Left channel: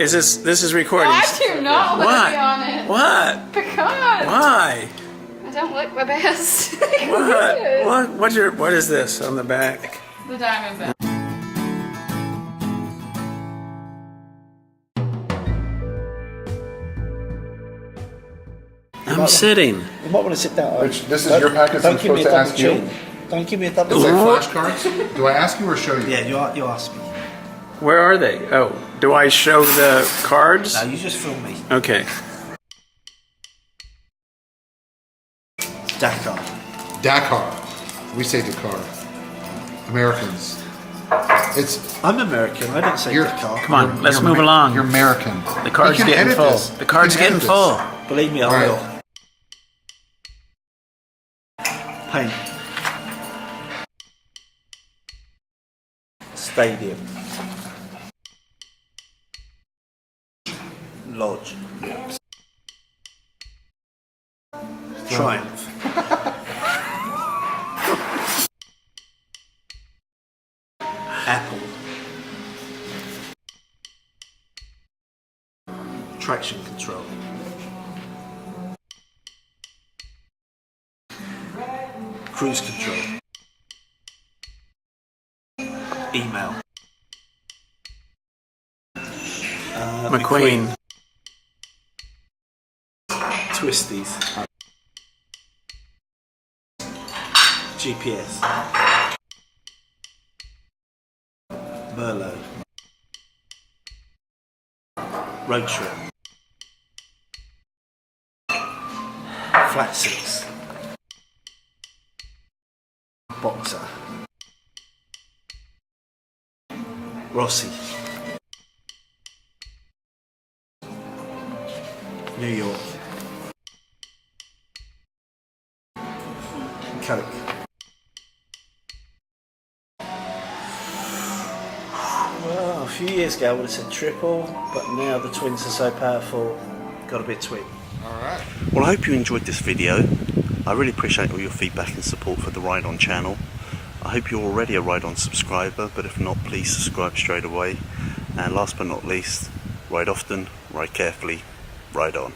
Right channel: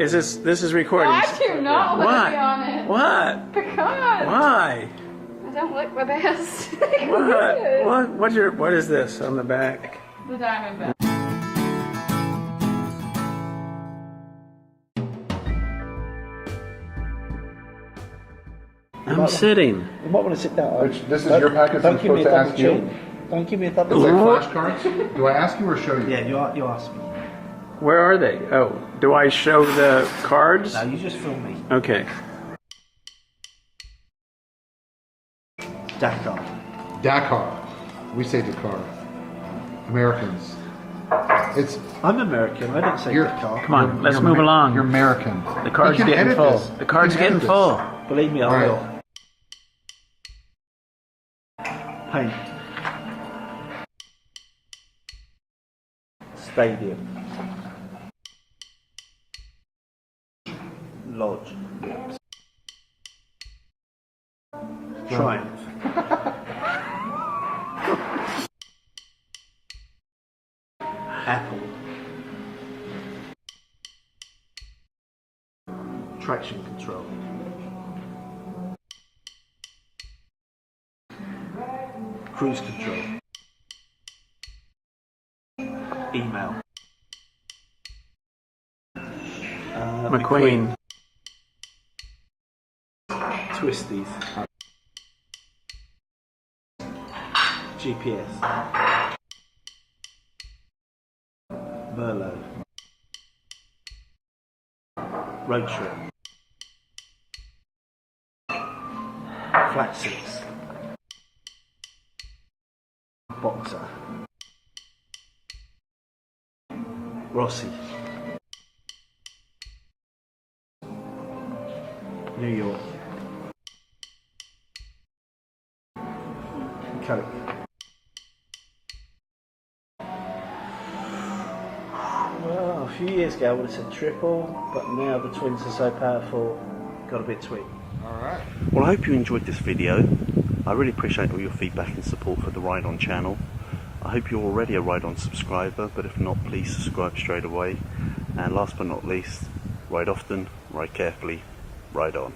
Is this is recording? I do not want to be on it. What? Because. Why? I don't look my best. What? What is this on the back? The diamond bell. I'm sitting. You might want to sit down. Rich, this is your package. I'm supposed to ask you. Don't give me a double It's chin. like flashcards. Do I ask you or show you? Yeah, you ask me. Where are they? Oh, do I show the cards? No, you just film me. Okay. Dakar. Dakar. We say Dakar. Americans. I'm American. I don't say Dakar. Come on, let's move along. You're American. The card's You can getting edit full. this. The card's You can getting edit full. this. Believe me, I All right. will. Paint. Stadium. Lodge. Triumph. Apple. Traction control. Cruise control. Email. McQueen. Twisties. GPS. Merlot. Road trip. Flat six. Boxer. Rossi. New York. Coke. Well, a few years ago I would have said triple, but now the twins are so powerful, got to be a twin. Alright. Well, I hope you enjoyed this video. I really appreciate all your feedback and support for the Ride On channel. I hope you're already a Ride On subscriber, but if not, please subscribe straight away. And last but not least, ride often, ride carefully, ride on.